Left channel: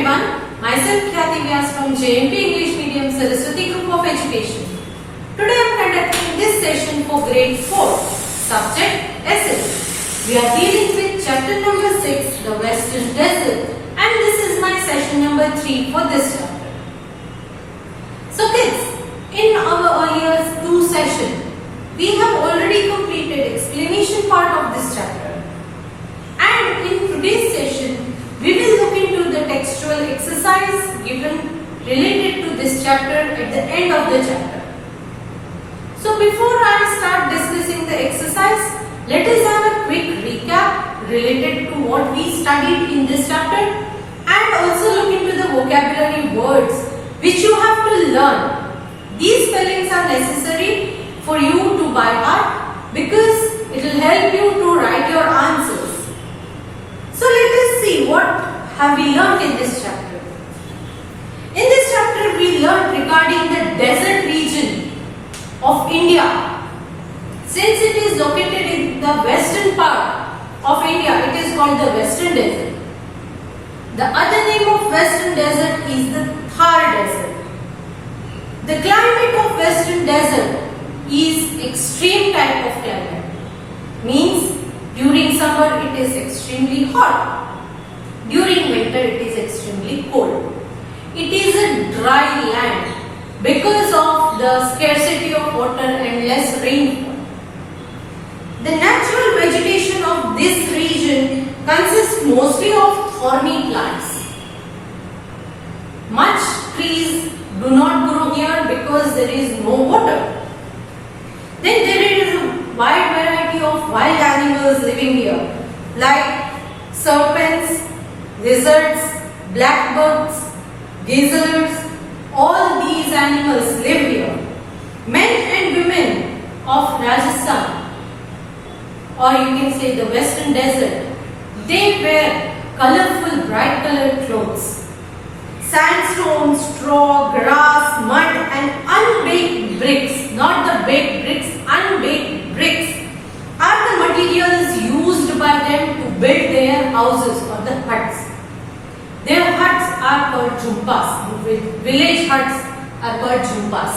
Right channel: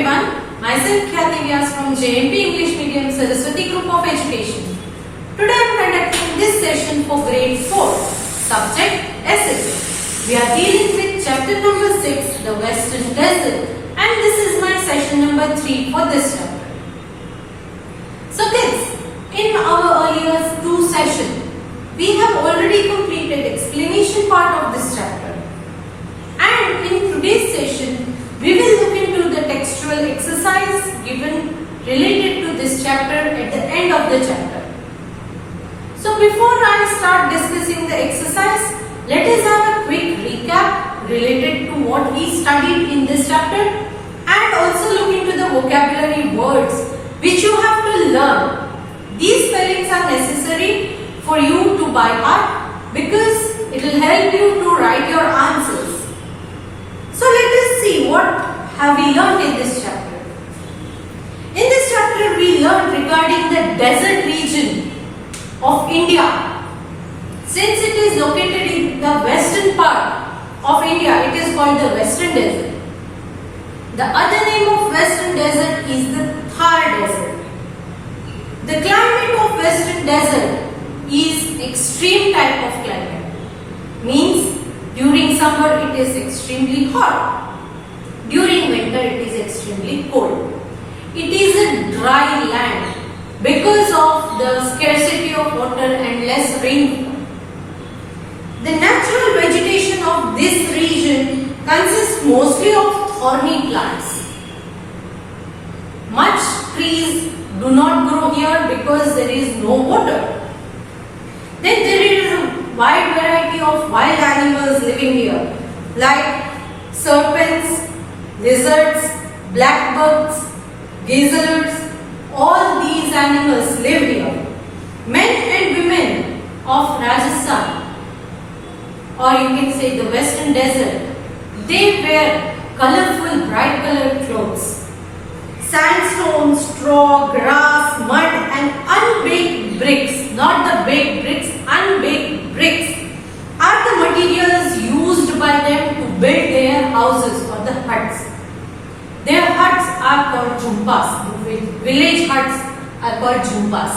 everyone, myself Khyati Vyas from JMP English Medium Saraswati Group of Education. Today I am conducting this session for grade 4, subject Essays. We are dealing with chapter number 6, the Western Desert, and this is my session number 3 for this chapter. So kids, in our earlier 2 sessions, we have already completed explanation part of this chapter. And in today's session, we will look into the textual exercise given related to this chapter at the end of the chapter. So before I start discussing the exercise, let us have a quick recap related to what we studied in this chapter and also look into the vocabulary words which you have to learn. These spellings are necessary for you to by heart because it will help you to write your answers. So let us see what have we learned in this chapter. In this chapter we learned regarding the desert region of India. Since it is located in the western part of India, it is called the Western Desert. The other name of Western Desert is the Thar Desert. The climate of Western Desert is extreme type of climate. Means during summer it is extremely hot. During winter it is extremely cold. It is a dry land because of the scarcity of water and less rainfall. The natural vegetation of this region consists mostly of thorny plants. Much trees do not grow here because there is no water. Then there is a wide variety of wild animals living here like serpents, lizards, blackbugs, gazelles. All these animals live here. Men and women of Rajasthan, or you can say the Western Desert, they wear colorful, bright colored clothes. Sandstone, straw, grass, mud and unbaked bricks, not the baked bricks, unbaked bricks are the materials used by them to build their houses or the huts. Their huts are called jhumpas. Village huts are called jhumpas.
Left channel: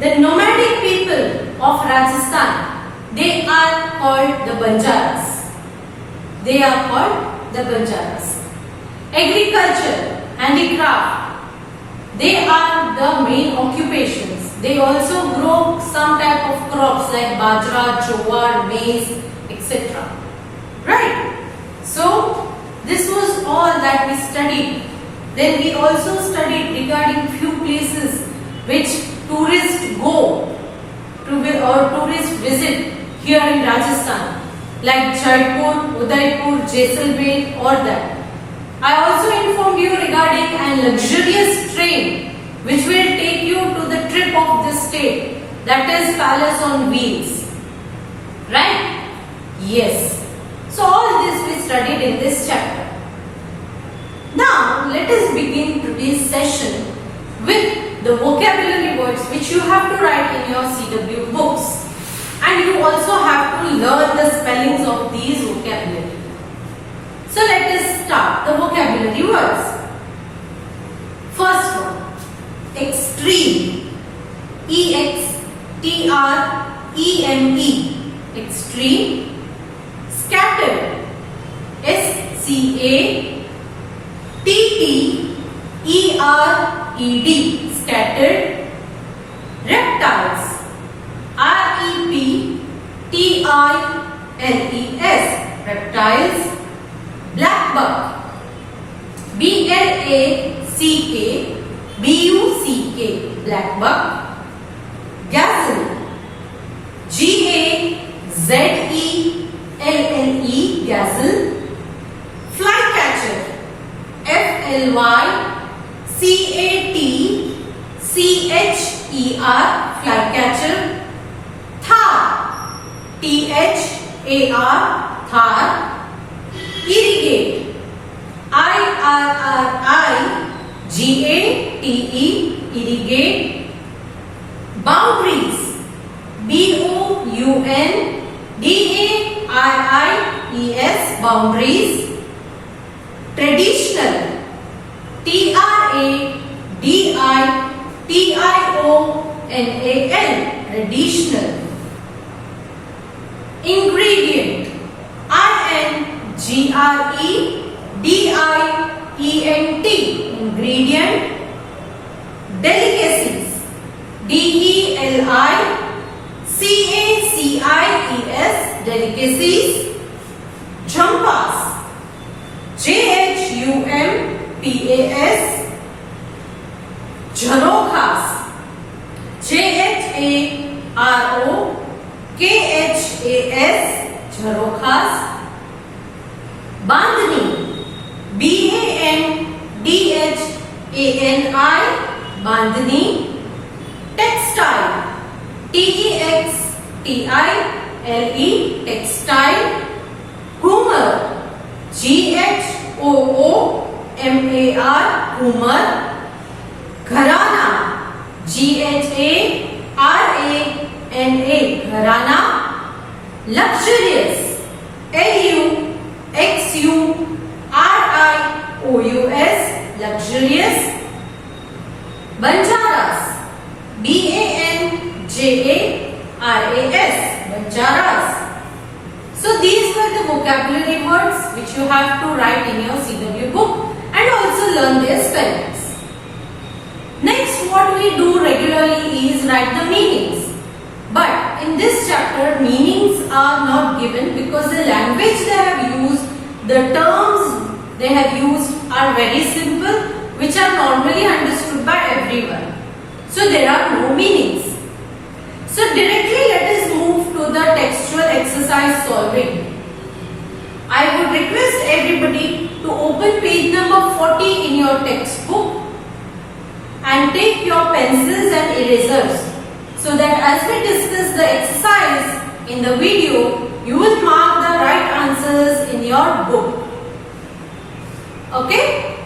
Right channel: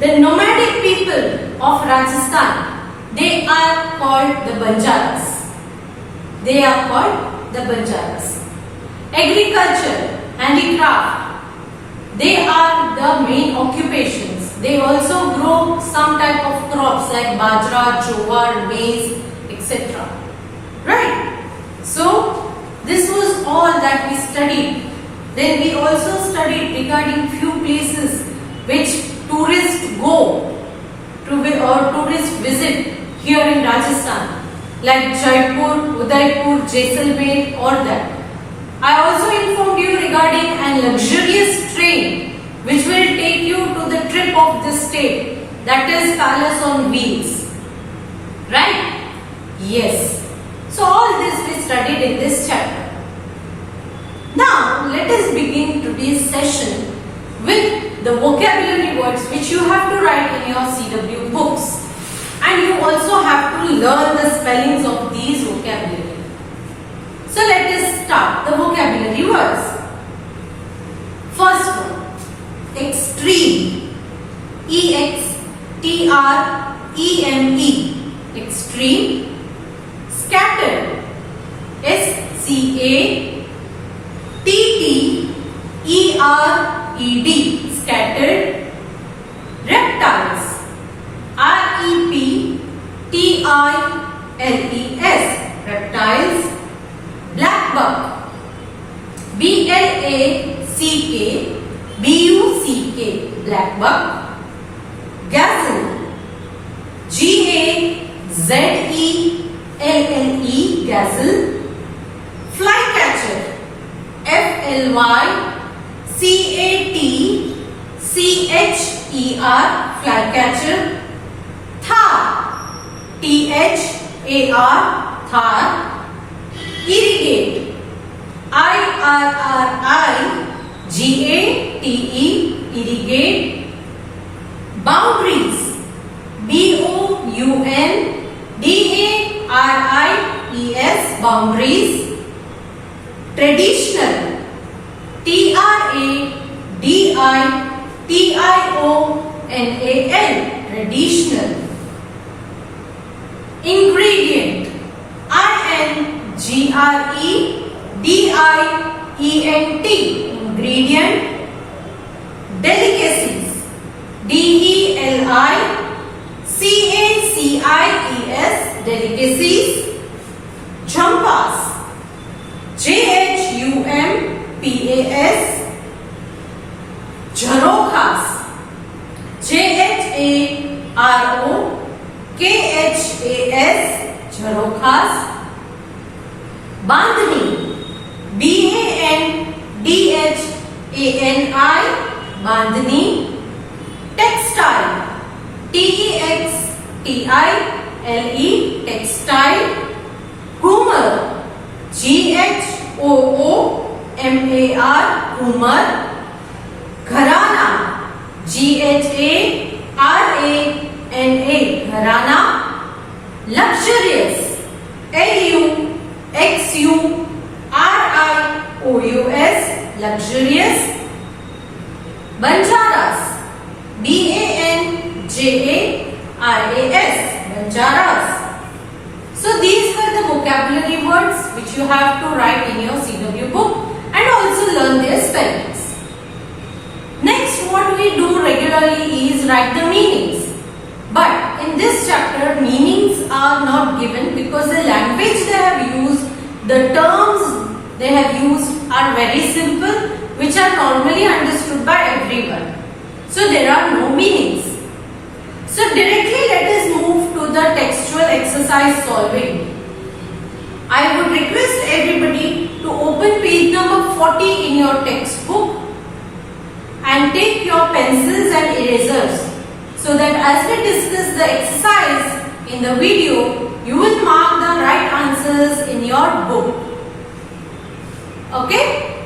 The nomadic people of Rajasthan, they are called the Banjaras. They are called the Banjaras. Agriculture, handicraft, they are the main occupations. They also grow some type of crops like bajra, jowar, maize, etc. Right? So, this was all that we studied. Then we also studied regarding few places which tourists go to or tourists visit here in Rajasthan like Jaipur, Udaipur, Jaisalmer or that. I also informed you regarding a luxurious train which will take you to the trip of this state, that is Palace on Wheels. Right? Yes. So all this we studied in this chapter. Now let us begin today's session with the vocabulary words which you have to write in your CW books. And you also have to learn the spellings of these vocabulary. So let us start the vocabulary words. First one, extreme. E-X-T-R-E-M-E. Extreme. Scattered. S-C-A-T-T-E-R-E-D. Scattered. Reptiles. R-E-P-T-I-L-E-S. Reptiles. Blackbuck. B-L-A-C-K-B-U-C-K. Blackbuck. Gazelle. G-A-Z-E-L-L-E. Gazelle. Flycatcher. F-L-Y-C-A-T-C-H-E-R. Flycatcher. Thar. T-H-A-R. Thar. Irrigate. I-R-R-I-G-A-T-E. Irrigate. Boundaries. B-O-U-N-D-A-R-I-E-S. Boundaries. Traditional. T-I-O-N-A-L, traditional. Ingredient, I-N-G-R-E-D-I-E-N-T, ingredient. Delicacies, D-E-L-I-C-A-C-I-E-S, delicacies. Jumpas, J-H-U-M-P-A-S, Jharokhas, J-H-A-R-O-K-H-A-S, Jharokhas. Bandhani, B-A-N-D-H-A-N-I, Bandhani. Textile, T-E-X-T-I-L-E, textile. Humor, G-H-O-O-M-A-R, humor. Gharana, G-H-A-R-A-N-A, gharana. Luxurious, L-U-X-U-R-I-O-U-S, luxurious. Banjaras, B-A-N-J-A-R-A-S, Banjaras. So these were the vocabulary words which you have to write in your CW book and also learn their spellings. Next, what we do regularly is write the meanings. But in this chapter, meanings are not given because the language they have used, the terms they have used are very simple, which are normally understood by everyone. So there are no meanings. So directly let us move to the textual exercise solving. I would request everybody to open page number 40 in your textbook and take your pencils and erasers so that as we discuss the exercise in the video, you will mark the right answers in your book. Okay?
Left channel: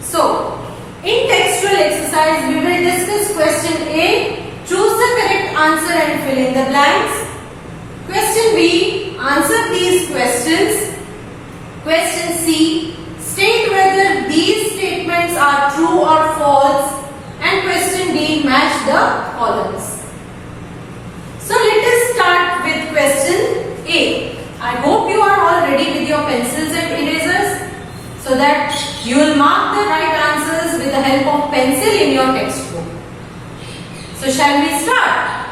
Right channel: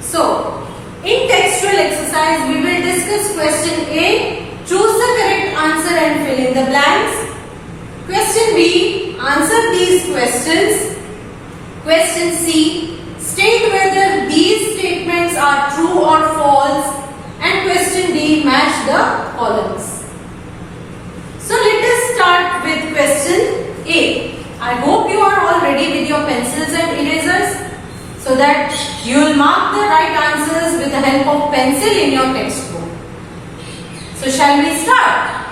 So, in textual exercise, we will discuss question A. Choose the correct answer and fill in the blanks. Question B. Answer these questions. Question C. State whether these statements are true or false. And question D. Match the columns. So let us start with question A. I hope you are all ready with your pencils and erasers so that you will mark the right answers with the help of pencil in your textbook. So shall we start?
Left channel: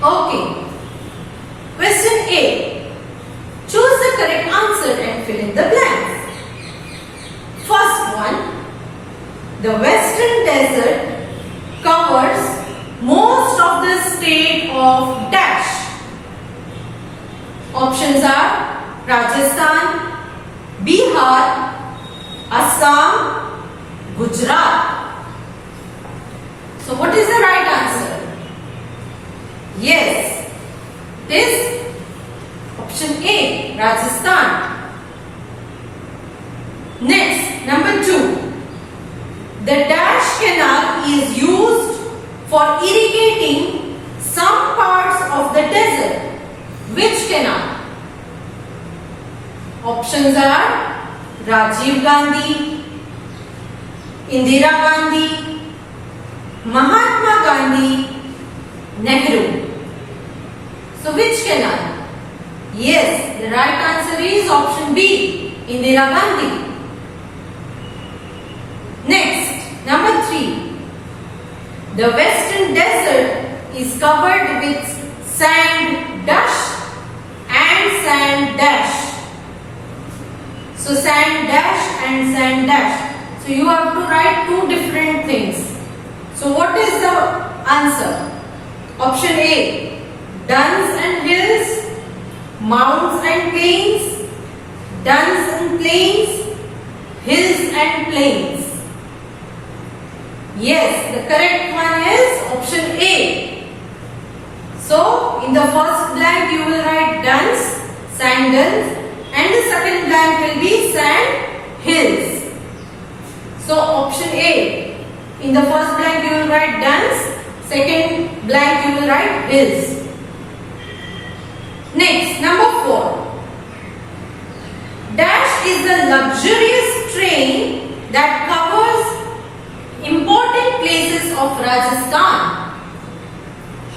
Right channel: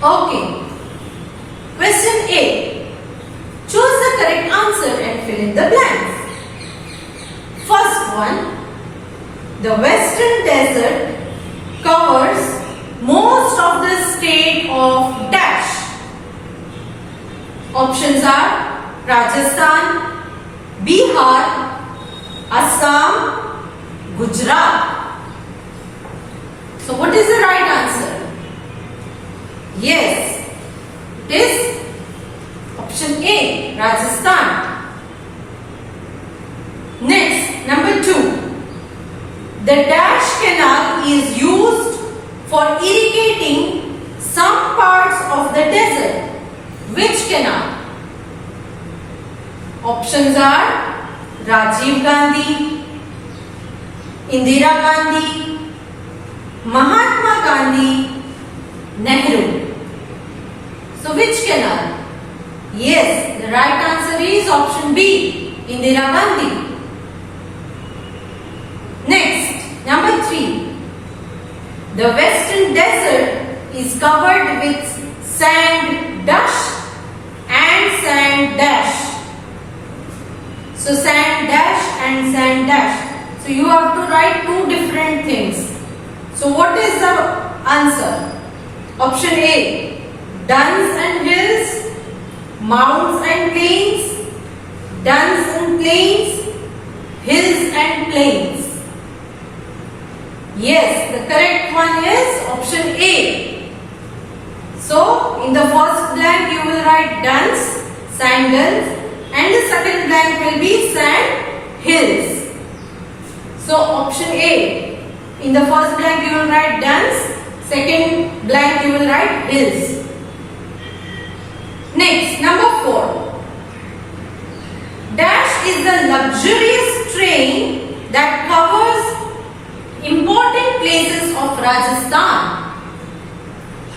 Okay. Question A. Choose the correct answer and fill in the blanks. First one. The Western Desert covers most of the state of dash. Options are Rajasthan, Bihar, Assam, Gujarat. So what is the right answer? Yes, it is option A, Rajasthan. Next, number 2. The Dash Canal is used for irrigating some parts of the desert. Which canal? Options are Rajiv Gandhi, Indira Gandhi, Mahatma Gandhi, Nehru. So which canal? Yes, the right answer is option B, Indira Gandhi. Next, number 3. The Western Desert is covered with sand dash and sand dash. So sand dash and sand dash. So you have to write two different things. So what is the answer? Option A, duns and hills, mounds and plains, duns and plains, hills and plains. Yes, the correct one is option A. So, in the first blank you will write duns, sand duns, and the second blank will be sand hills. So, option A. In the first blank you will write duns, second blank you will write hills. Next, number 4. Dash is the luxurious train that covers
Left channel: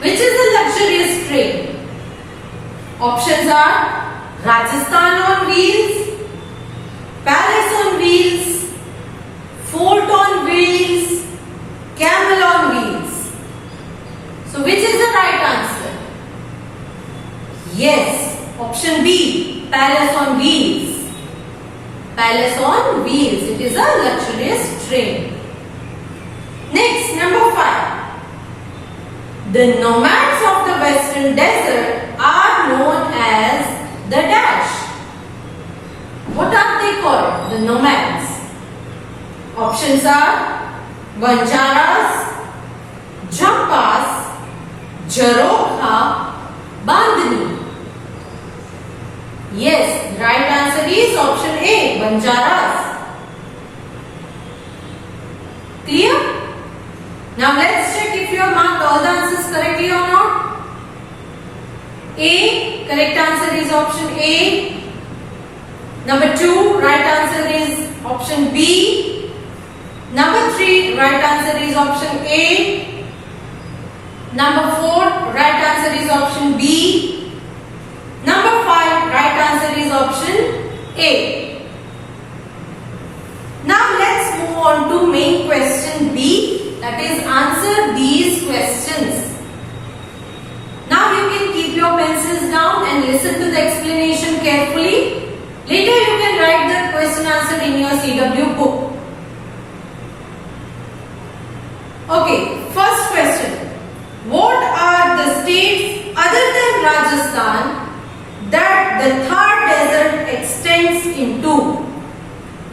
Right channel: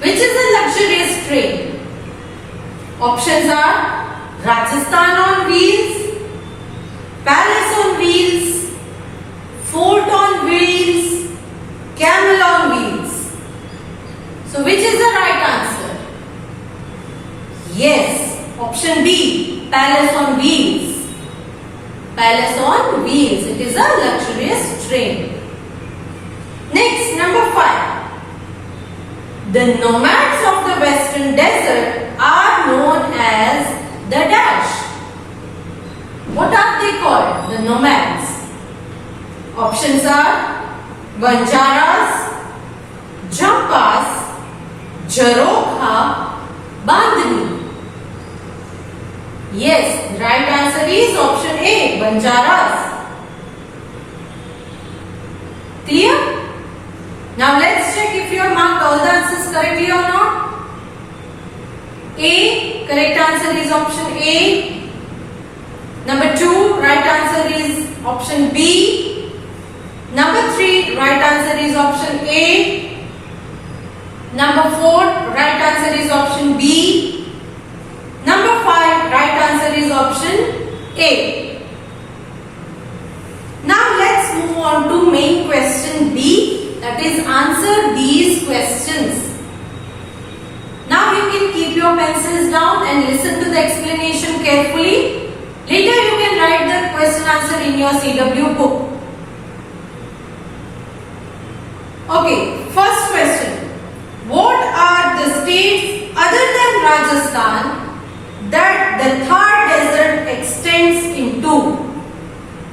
Which is a luxurious train? Options are Rajasthan on wheels, Palace on wheels, Fort on wheels, Camel on wheels. So which is the right answer? Yes, option B, Palace on wheels. Palace on wheels. It is a luxurious train. Next, number 5. The nomads of the western desert are known as the dash. What are they called? The nomads. Options are Banjaras, Jampas, Jarokha, Bandhani. Yes, the right answer is option A, Banjaras. Clear? Now let's check if you have marked all the answers correctly or not. A, correct answer is option A. Number 2, right answer is option B. Number 3, right answer is option A. Number 4, right answer is option B. Number 5, right answer is option A. Now let's move on to main question B, that is answer these questions. Now you can keep your pencils down and listen to the explanation carefully. Later you can write the question answer in your CW book. Okay, first question. What are the states other than Rajasthan that the Thar desert extends into?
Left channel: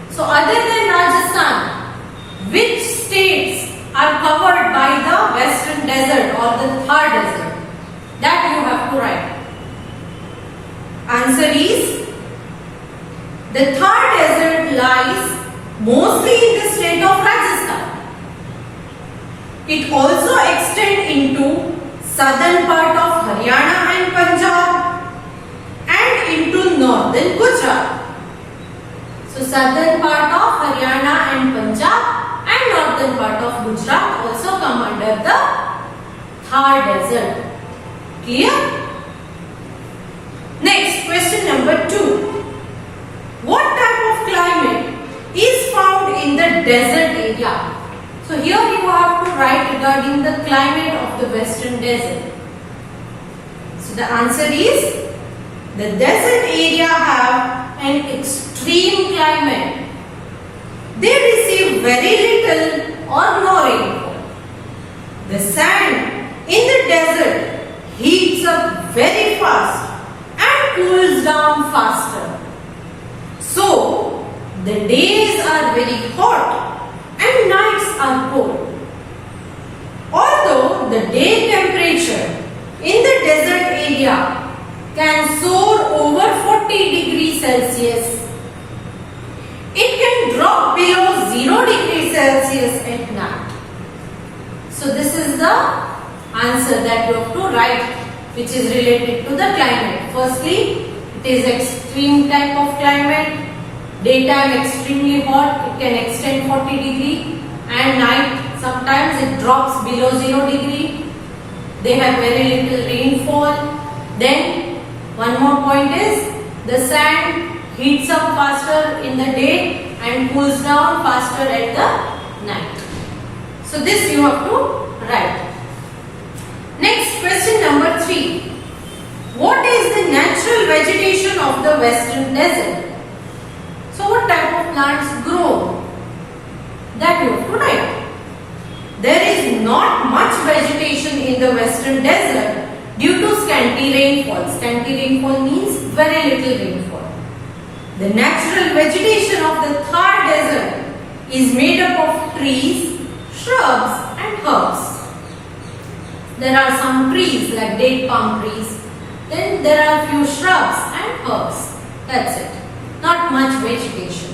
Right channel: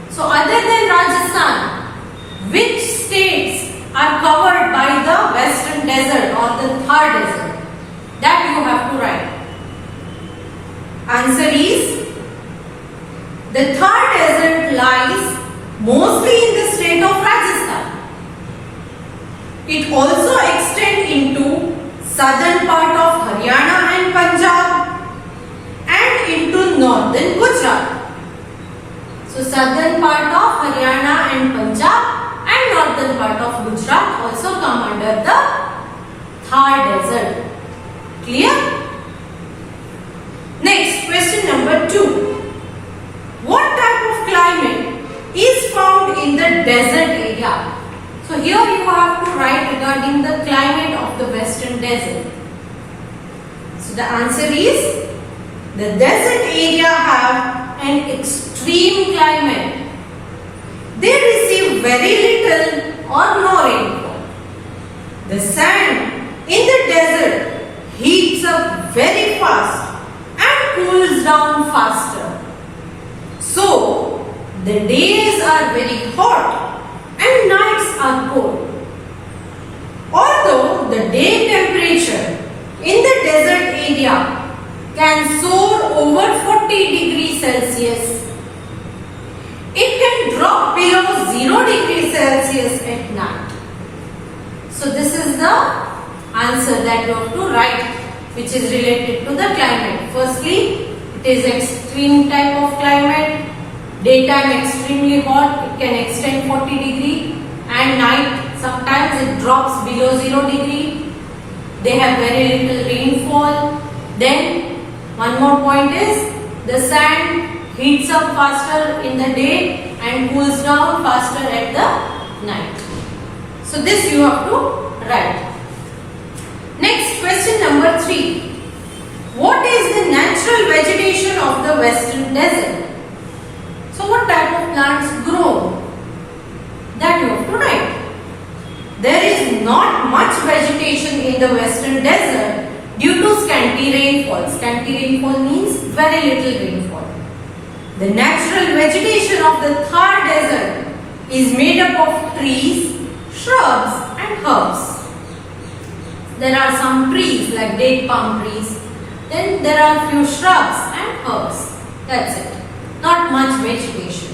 So other than Rajasthan, which states are covered by the western desert or the Thar desert? That you have to write. Answer is, the Thar desert lies mostly in the state of Rajasthan. It also extends into southern part of Haryana and Punjab and into northern Gujarat. So southern part of Haryana and Punjab and northern part of Gujarat also come under the Thar desert. Clear? Next, question number 2. What type of climate is found in the desert area? So here you have to write regarding the climate of the western desert. So the answer is, the desert area have an extreme climate. They receive very little or no rainfall. The sand in the desert heats up very fast and cools down faster. So the days are very hot and nights are cold. Although the day temperature in the desert area can soar over 40 degrees Celsius, it can drop below 0 degrees Celsius at night. So this is the answer that you have to write, which is related to the climate. Firstly, it is extreme type of climate. Daytime extremely hot, it can extend 40 degree, and night sometimes it drops below 0 degree. They have very little rainfall. Then one more point is, the sand heats up faster in the day and cools down faster at the night. So this you have to write. Next, question number 3. What is the natural vegetation of the western desert? So what type of plants grow? That you have to write. There is not much vegetation in the western desert due to scanty rainfall. Scanty rainfall means very little rainfall. The natural vegetation of the Thar desert is made up of trees, shrubs and herbs. There are some trees like date palm trees. Then there are few shrubs and herbs. That's it. Not much vegetation.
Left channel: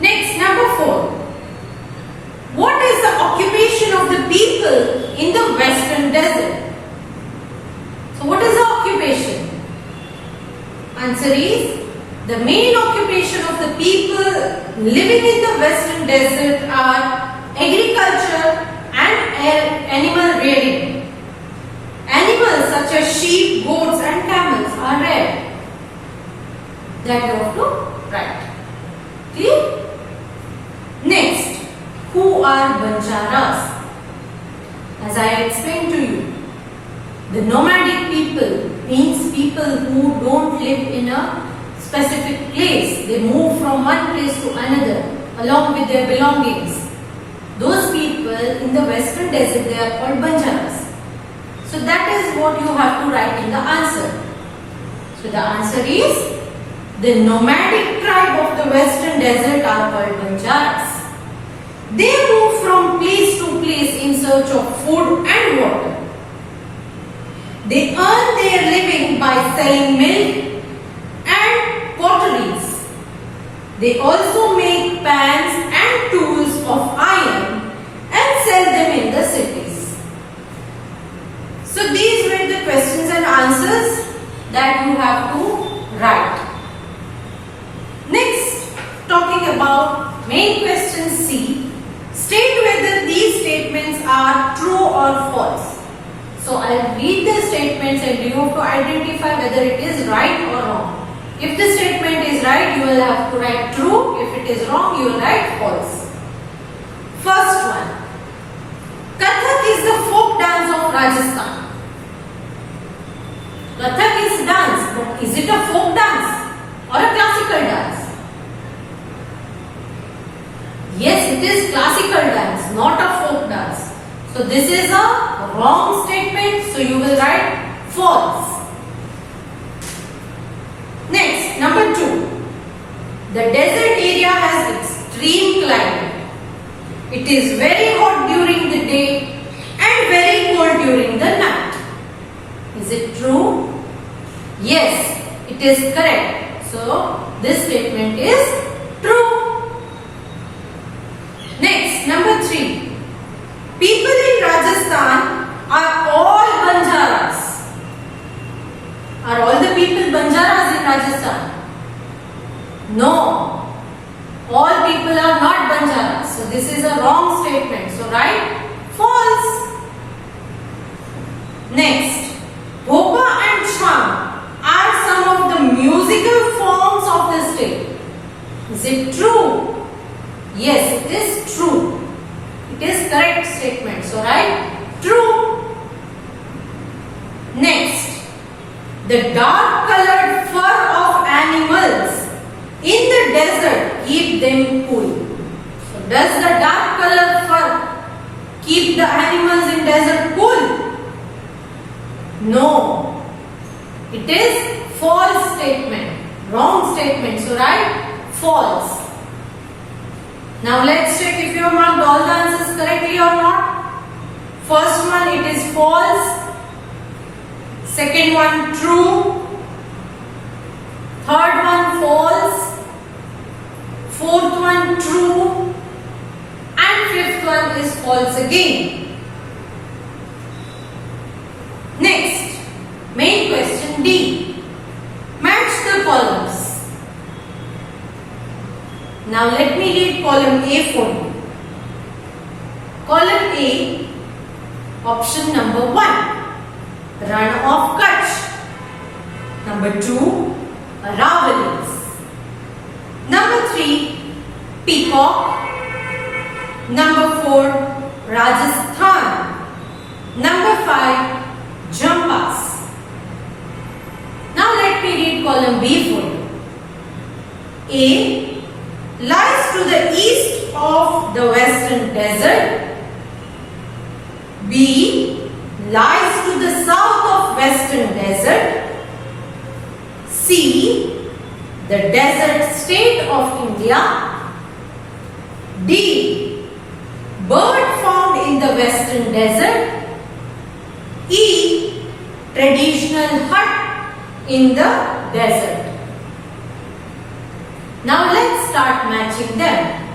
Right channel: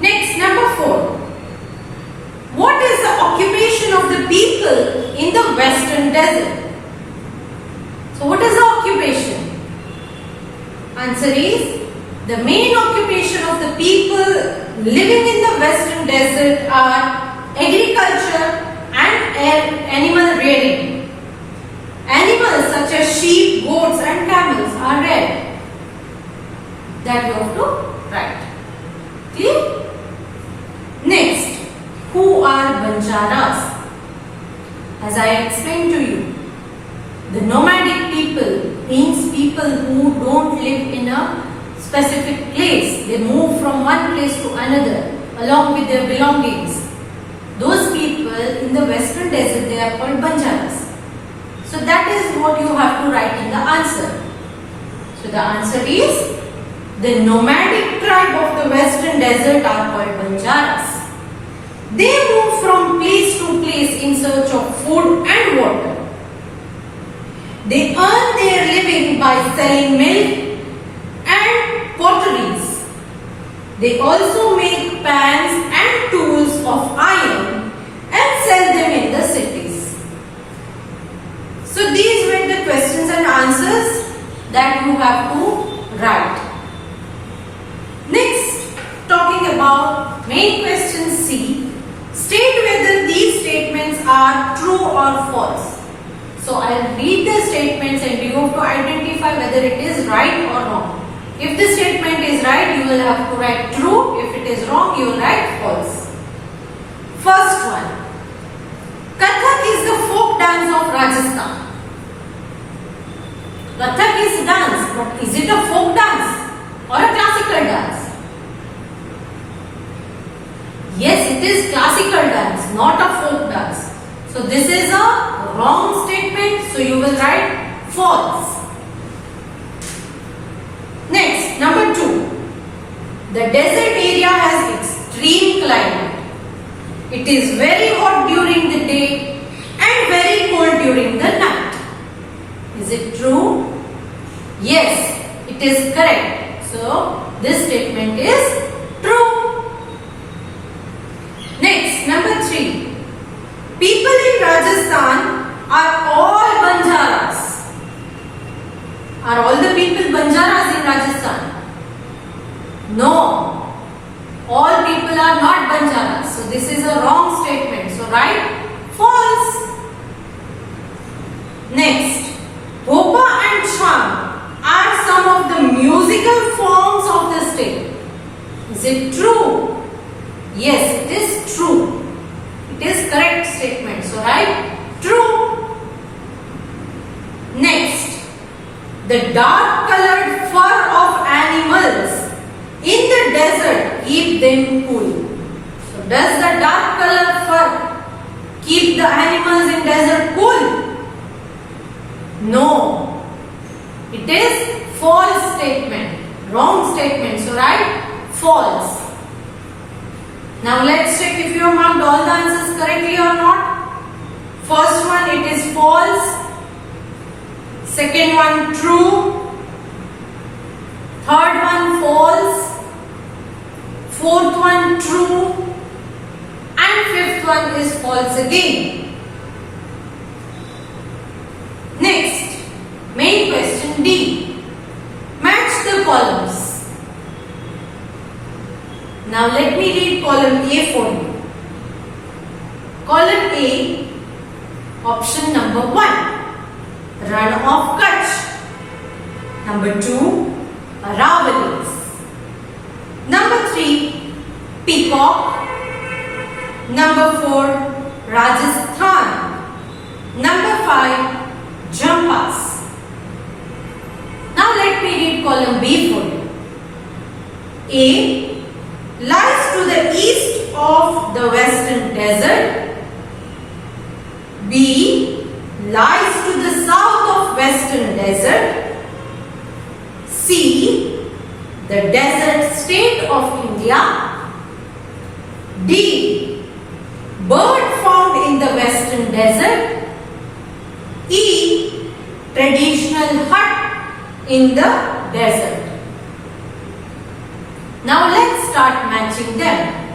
Next, number 4. What is the occupation of the people in the western desert? So what is the occupation? Answer is, the main occupation of the people living in the western desert are agriculture and animal rearing. such as sheep, goats and camels are red. That you have to write. Clear? Next, who are Banjaras? As I explained to you, the nomadic people means people who don't live in a specific place. They move from one place to another along with their belongings. Those people in the western desert, they are called Banjaras. So that is what you have to write in the answer. So the answer is, the nomadic tribe of the western desert are called Banjaras. They move from place to place in search of food and water. They earn their living by selling milk and potteries. They also make pans and tools of iron and sell them in the cities. So these were the questions and answers that you have to write. Next, talking about main question C, state whether these statements are true or false. So I will read the statements and you have to identify whether it is right or wrong. If the statement is right, you will have to write true. If it is wrong, you will write false. First one, Kathak is the folk dance of Rajasthan. Kathak is dance, but is it a folk dance or a classical dance? Yes, it is classical dance, not a folk dance. So this is a wrong statement, so you will write false. Next, number 2. The desert area has extreme climate. It is very hot during the day and very cold during the night. Is it true? Yes, it is correct. So this statement is true. Next, number 3. People in Rajasthan are all Banjaras. Are all the people Banjaras in Rajasthan? No. All people are not Banjaras. So this is a wrong statement. So write false. Next, Bhopa and Chham are some of the musical forms of the state. Is it true? Yes, it is true. It is correct statement. So write true. Next, the dark colored fur of animals in the desert keep them cool. So does the dark colored fur keep the animals in desert cool? No. It is false statement. Wrong statement. So write false. Now let's check if you have marked all the answers correctly or not. First one, it is false. Second one, true. Third one, false. Fourth one, true. And fifth one is false again. Next, main question D. Match the columns. Now let me read column A for you. Column A, option number 1, Ran of Kutch. Number 2, Aravallis. Number 3, Peacock. Number 4, Rajasthan. Number 5, Jampas. Now let me read column B for you. A lies to the east of the western desert. B lies to the south of western desert. C, the desert state of India. D, bird found in the western desert. E, traditional hut in the desert. Now let's start matching them.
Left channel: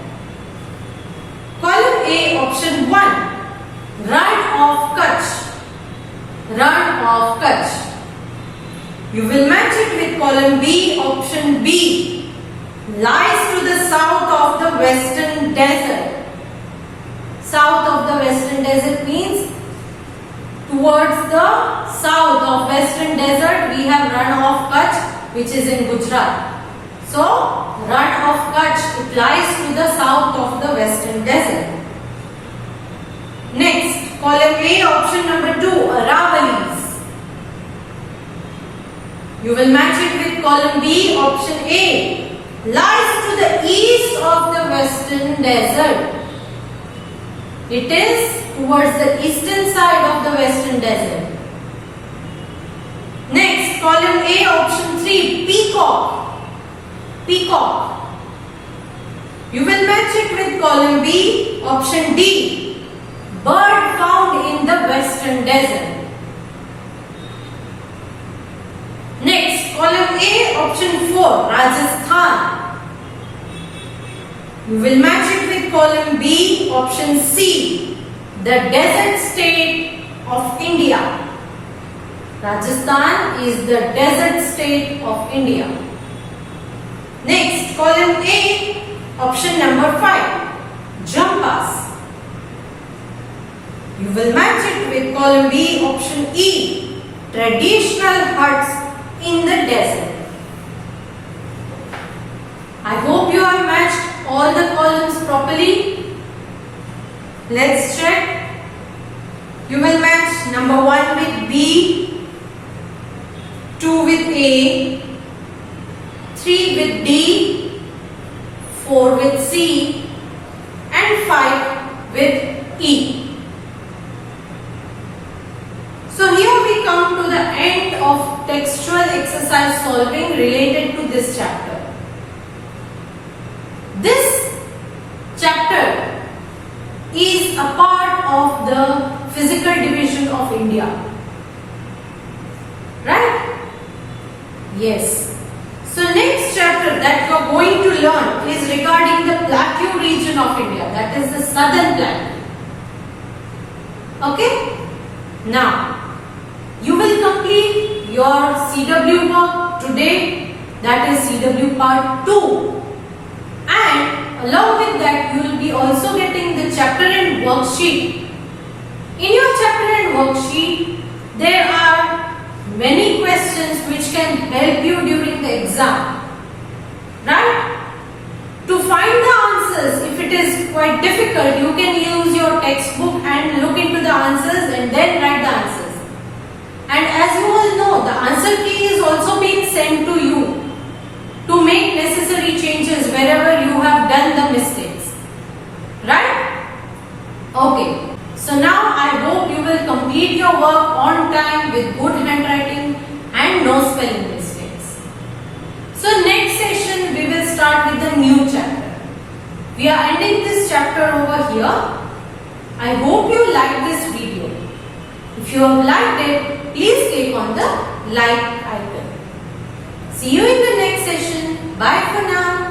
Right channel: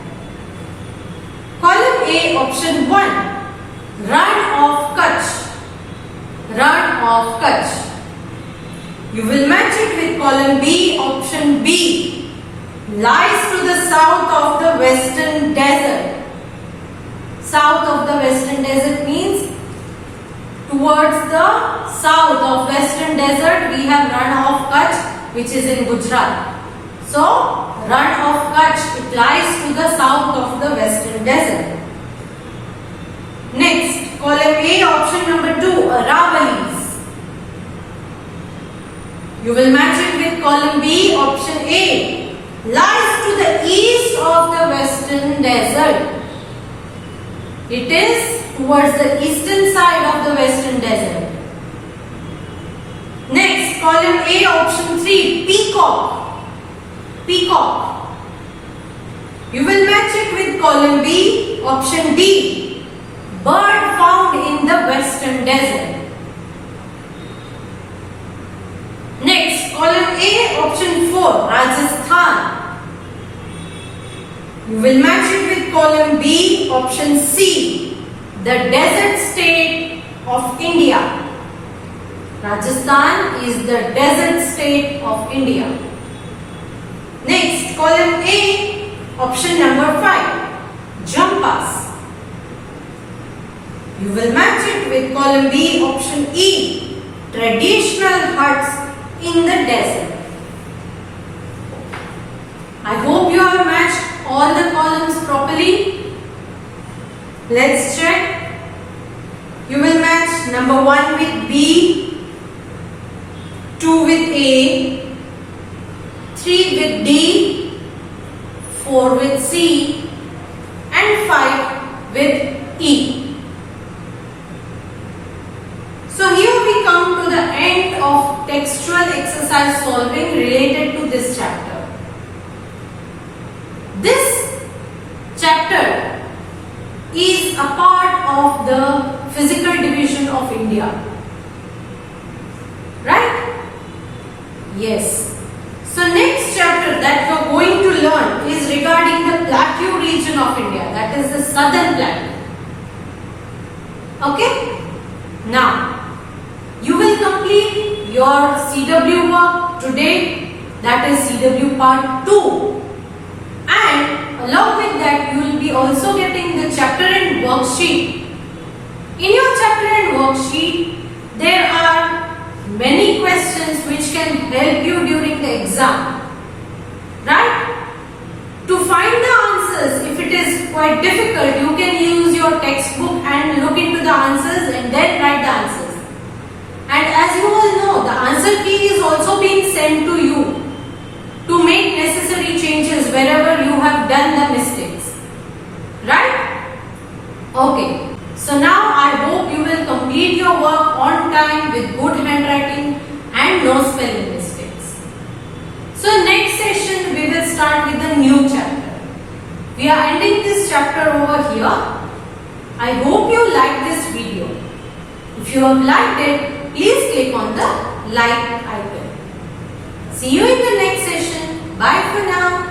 Column A, option 1, Ran of Kutch. Ran of Kutch. You will match it with column B, option B, lies to the south of the western desert. South of the western desert means Towards the south of Western Desert, we have Rann of Kutch, which is in Gujarat. So, Rann of Kutch, it lies to the south of the Western Desert. Next, column A, option number 2, Aravallis. You will match it with column B, option A, lies to the east of the Western Desert. It is towards the eastern side of the Western Desert. Next, column A, option 3, Peacock. Peacock. You will match it with column B, option D, bird found in the Western Desert. Next, column A, option 4, Rajasthan. You will match it with column B, option C, the desert state of India. Rajasthan is the desert state of India. Next, column A, option number 5, Jampas. You will match it with column B, option E, traditional huts in the desert. I hope you have matched all the columns properly. Let's check. You will match number 1 with B, 2 with A, 3 with D, 4 with C, and 5 with E. So here we come to the end of textual exercise solving related to this chapter. This chapter is a part of the physical division of India. Right? Yes. So next chapter that you are going to learn is regarding the plateau region of India, that is the southern plateau. Okay? Now, you will complete your CW work today, that is CW part 2, and along with that you will be also getting the chapter and worksheet. In your chapter and worksheet there are many questions which can help you during the exam, right? To find the answers, if it is quite difficult, you can use your textbook and look into the answers and then write the answers. And as you all know, the answer key is also being sent to you to make necessary changes wherever you have done the mistakes. Right? Okay. So now I hope you will complete your work on time with good handwriting and no spelling mistakes. So next session we will start with the new chapter. We are ending this chapter over here. I hope you liked this video. If you have liked it, please click on the like icon. See you in the next session. Bye for now.